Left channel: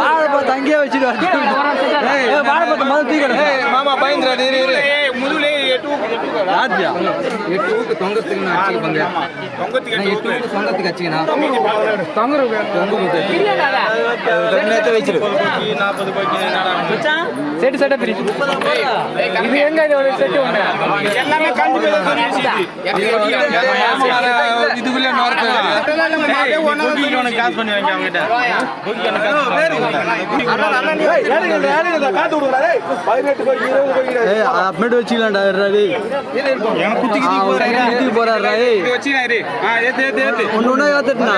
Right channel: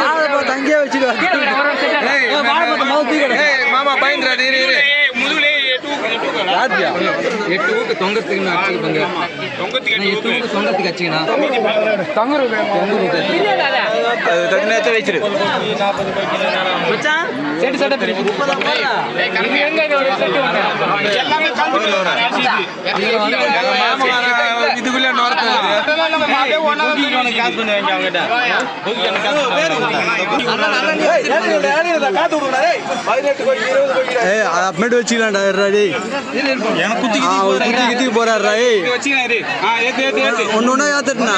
வாழைப்பழத்தை அங்கேயே வச்சுருவாங்க. வாழைப்பழத்தை முதல் தீக்கிறேன் மாமா பயந்துடா முதுகுலே 8 ஊக்கு தொங்கத்துக்குன்னு வச்சுருப்பாங்க. தொங்கத்துக்கு வச்சுக்கண்ணா தொங்கத்து வச்சிரு. செட்டு செட்டை பிரிச்சு இது எங்க ஒரு செட்டு இதுக்குள்ள காசு பண்ணுவாங்க அவங்ககிட்ட. அப்படி வச்சுக்கலாம்டா. போறாரு ஒன்னு ஏத்துட்டா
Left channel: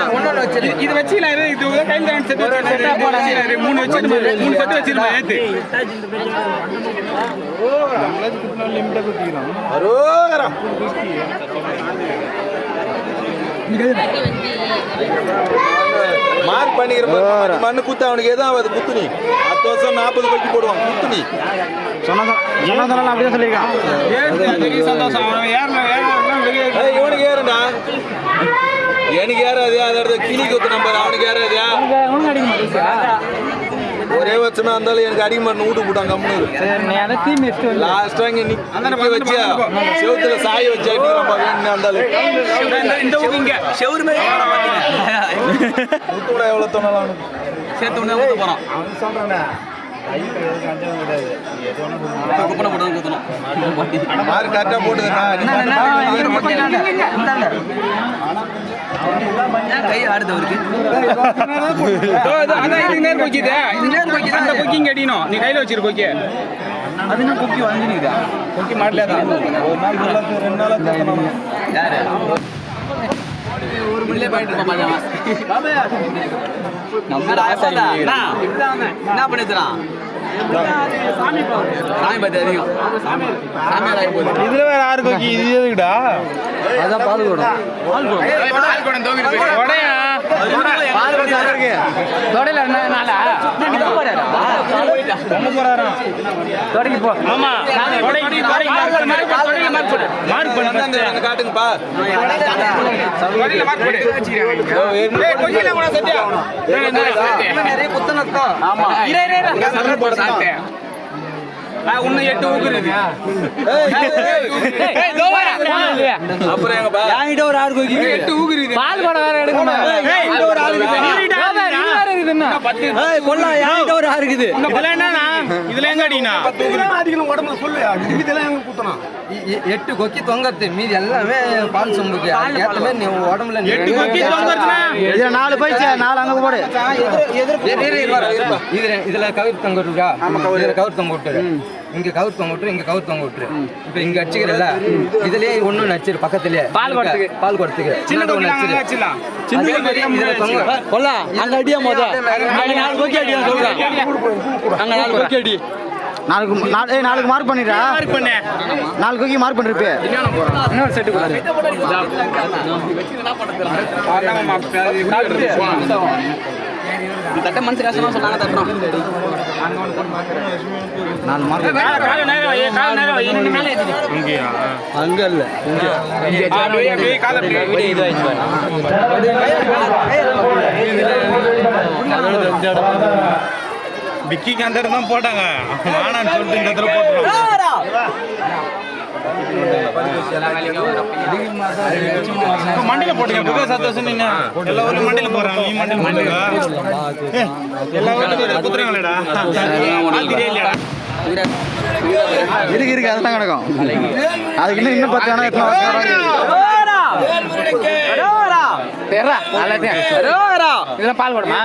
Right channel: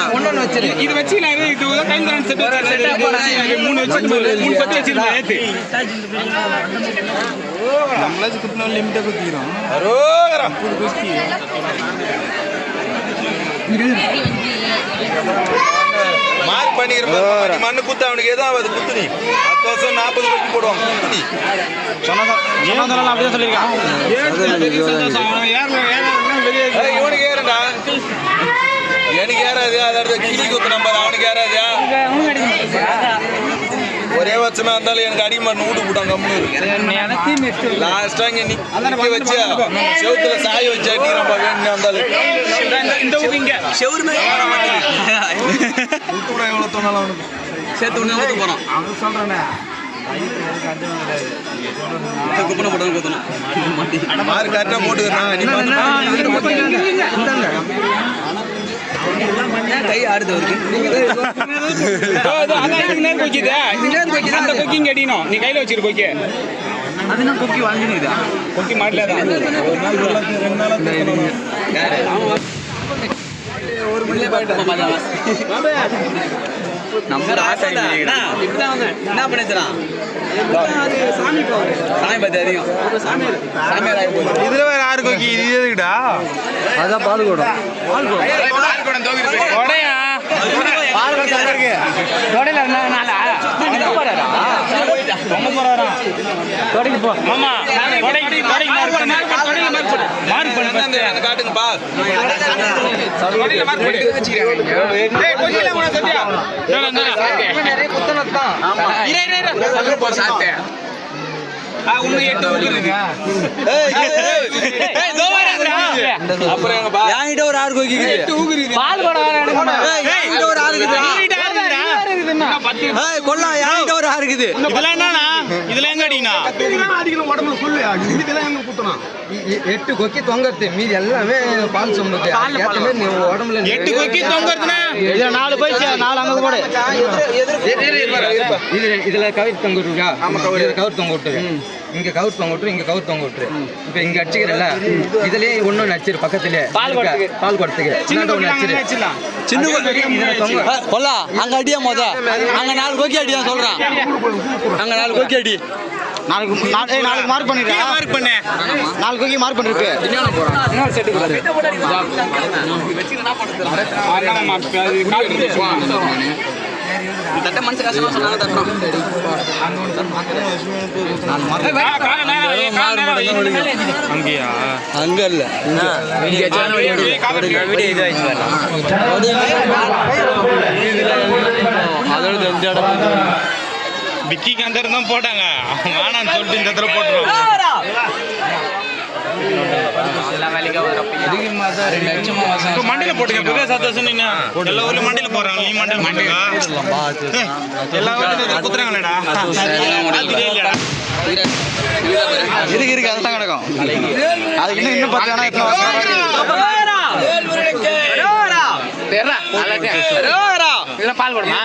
இது வச்சுக்கலாம். இது டைம் செட் 3 வச்சு 3 செட் வச்சிருமா ஏத்து நம்மளாச்சு குத்துனா லிமிட்டா குத்திக்கிறோம். அரோகரம் மார்க் பண்ணிக்கிறோம். மண்ணு குத்த அவனுக்கு எதுவும் ஆகாது. குத்துனி 10 வருஷம் 40 ரூபாய்க்கு போடுவாங்க. குத்துனி சொன்னதெல்லாம் அப்படியே சொல்லியிருக்கான். சந்தோஷம். இவனுக்கு ஏறண்டா எனக்கு ஏறாது. அதோட கிளி குத்து நம்பர் அவனுக்கு ஏறாது. ஒரே வச்சுனா இருந்தாலும் எனக்கு அடிக்க மாட்டேன் வீட்டு போட்டாங்க. லாஸ்டா இங்க நிக்க வச்சு செவுத்துல சாய வச்சு அடிக்கிறப்ப வேணும் இருந்தாலும் இந்த ஊருக்கு இங்க செவுரு எவ்வளவு தோணாலும் சேர்த்து ஊத்த போறான். அவன் சொல்றேன் கரெக்டா போட்டு கை ஆடுதவருக்கு அந்த கொக்கிங்க அடிக்கணும். நீ கையில வச்சிரு கொக்கி. அதுனா கொக்கி வாங்கினுக்குதா? கொக்கி மாட்டலதான் நம்ம ஆசை என்ன பண்ணித்தரான். சாமி பத்தி அதிகம் இதுல வேற யாரு கொக்கி இது எதுக்குடா? அதான் பால் கூடம். பால் கூடம் உன்னை 8 ஊக்குறது. அப்புறம் எங்க ஒரு 6 கொக்கி 8 ஊக்குறது. பால் கூட வேற எடுக்கணும். ஒரு 6 இருக்குது. கொல்லா யாங்கிட்ட ஒரு 6 இருக்குது. இதெல்லாம் என்னன்னா இதுல எங்க அடிக்கனா அடிக்கணும் உடம்புல சொல்லு. இதெல்லாம் எங்க குத்தணும். 8 கொக்கி தொங்கத்து மீதி எல்லாமே பால் சொம்புக்கு உடம்புல 8 கொக்கி தொங்கறதுனா 4 போயிச்சு. 4 அங்க போடு. இதுல கவர் தொங்க விட்டுருக்கா? இதுல கவர் தொங்க விட்டுரு. இங்க கவர் தொங்க விட்டுரு. இங்க கவர் தொங்க விட்டுரு. இப்ப இங்க அடிச்சுக்கிறல்ல இதுலயே ஒண்ணு நச்சிரு. பக்கத்துலயே பால் கொடுத்துக்கு சின்ன ஒண்ணு நச்சிரு. சின்ன கொல்லா அங்க அடியா மொத அங்க 4 கொக்கி அடியா சொல்றேன். அங்க 4 கொக்கி அடி. நாளைக்கு மார்க் பண்ணிடுறா. மார்க் பண்ணு. 4 கொக்கி மார்க் பண்ணிருக்கு. இன்னொரு செட் போடு. தட்ட மனசு கஷ்டமா சொன்னாங்க தட்டணும். அங்கயா அங்க இல்ல விக்கிக்கு அந்த இடம் தான் போட்டாங்க. வேணான்னு சொல்லிட்டு இந்த இடத்துல போட்டுருவோம். மண்டியில போட்டுங்க. புகை சந்தோஷம். நீங்க எல்லா ஊர்லயும் மண்டியில போறாங்க. நீ மண்டியில போட்டுங்க. எல்லா ஊர்லயும் குத்துறாங்களேடா. இருக்கு அதெல்லாம் கிடக்கும். அதுக்கு இன்னும் 10 வேணா எத்தனை வருஷம் பால் போடுமா?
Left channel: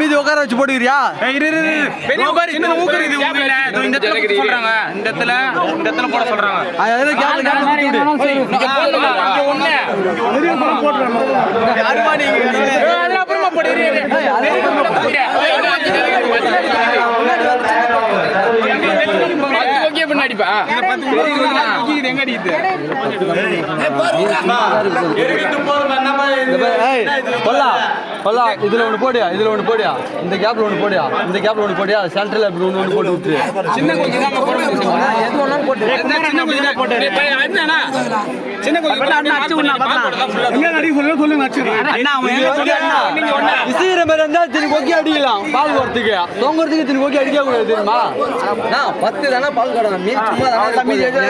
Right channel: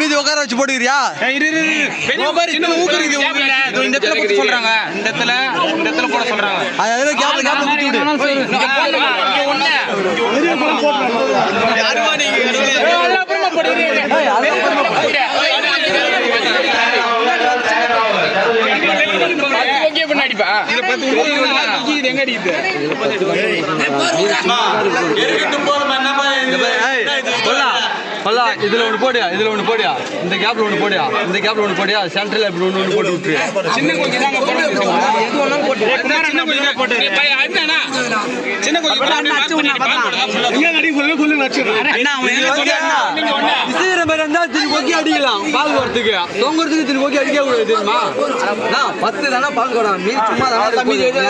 மீதி உட்கார வச்சு போட்டுக்கிறியா? போட சொல்றாங்க. பல்லா இதுல ஒன்று போடியா, இதுல ஒன்று போடியா, இந்த கேப்ல ஒன்று போடியா, இந்த கேப்ல ஒன்று போடியா, சென்டர்ல இப்படி ஒன்று போட்டு விட்டுரு. சின்ன கோழி தாங்க போட முடியும். எது ஒன்றும் போட்டு சின்ன கோழி தான் போட்டு சின்ன கோழி விசைகிற மாதிரி இருந்தா திரு கொக்கி அடிக்கலாம். பால் வரத்துக்கு தொங்குறதுக்கு திரு கொக்கி அடிக்க கூடாது தெரியுமா? 10 தானே பால் போடணும். மீன் சும்மா தானே மீன்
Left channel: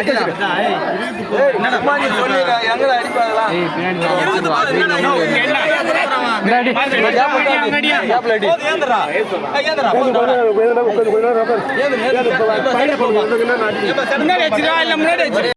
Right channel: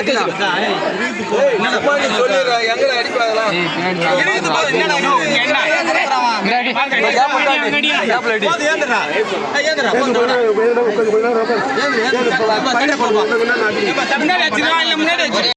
அடி